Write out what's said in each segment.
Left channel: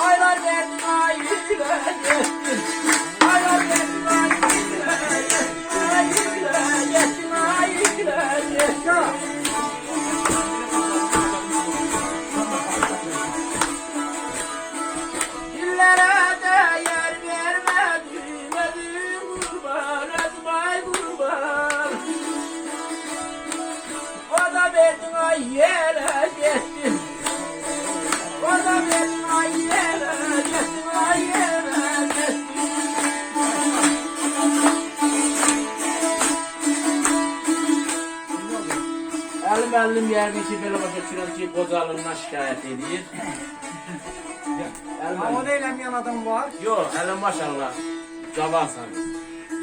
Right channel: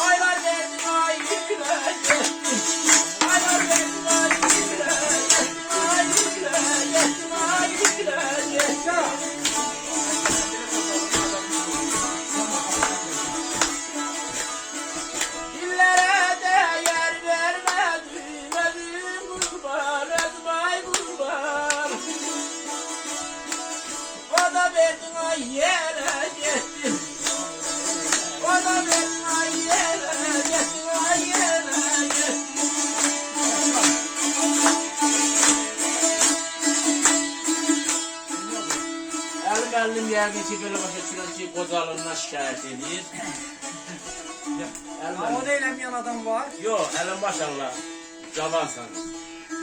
Aylar verdin ay yürüyeceksin. Aylar verdin ay yürüyeceksin. Ay yürüyeceksin, ay yürüyeceksin. Dillere değer vermedin, ödüm kurban, ödüm kurban. O da verdin ay yere gittin. O da verdin ay yere gittin, ay yere gittin. Elim yerine ki böyle başa çıkıyor ki bozalımına şikayet ediyor. Ama da eğlenmeyen adam var. Yok, elim maşallah. Cavansan.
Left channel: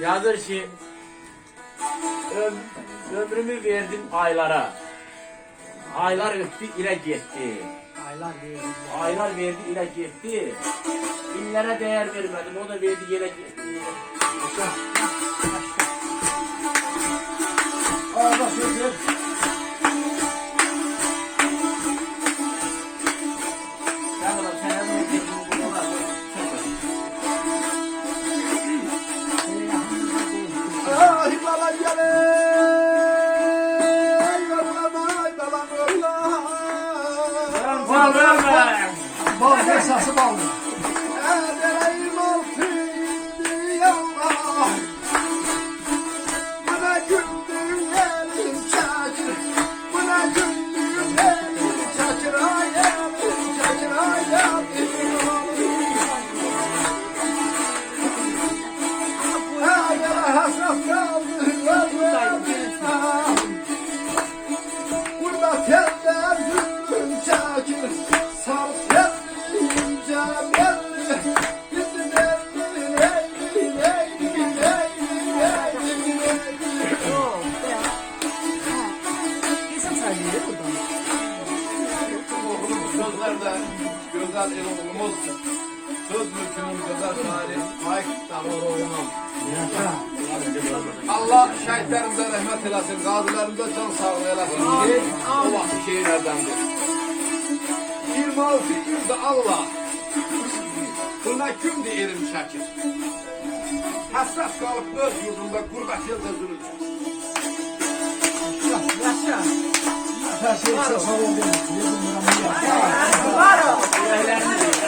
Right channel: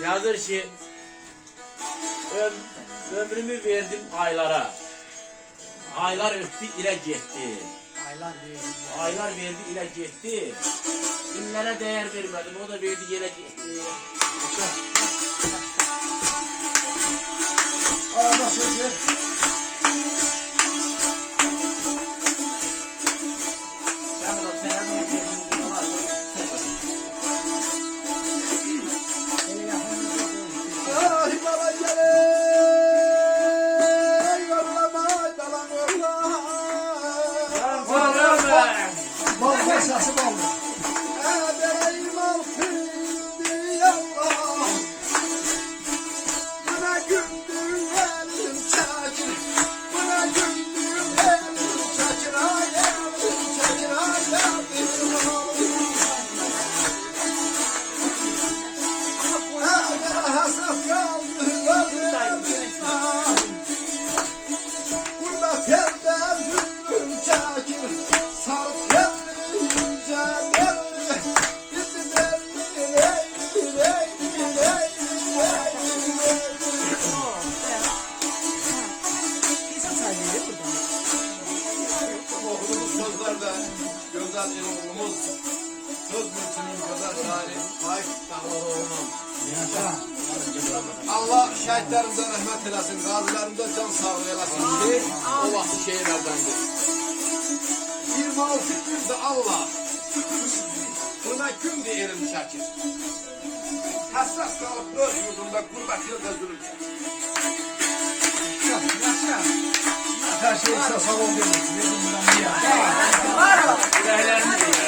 Yazır ki ömrümü verdim aylara. Aylar öptü ile gitti. Aylar değil. Aylar verdi ile gitti. Günlere değer vermedim. O da verdi yere gitti. Arada söz. Ben de sen her zaman verdiğin Ay bana gele. Yollamayı bana yolla. Bal esası bal. Edereyim altın yallah. Buna güldüm elim çakır. Buna güldüm elim çakır. Ay elim çakır. Ay elim hasret kaldı yanımda. Burada tenden gülüm çakır. Sağ telli ince belli. Bizi belli leyli leyli leyli leyli. Sözlerden güzel bir oğlumuz, söz mülkünün güzel sahibi Faik Dağlaroğlu'nun. Allah şehitlerimize rahmet eylesin, gazilerimize can sağlığı eylesin. Allah şehirlerdendir. 26 günde Allah, kına gündü erim şakir. Hassas kalıp öz yurdunda gurbet yılda üzülürken. Her şey sağ olun. Yüreklerini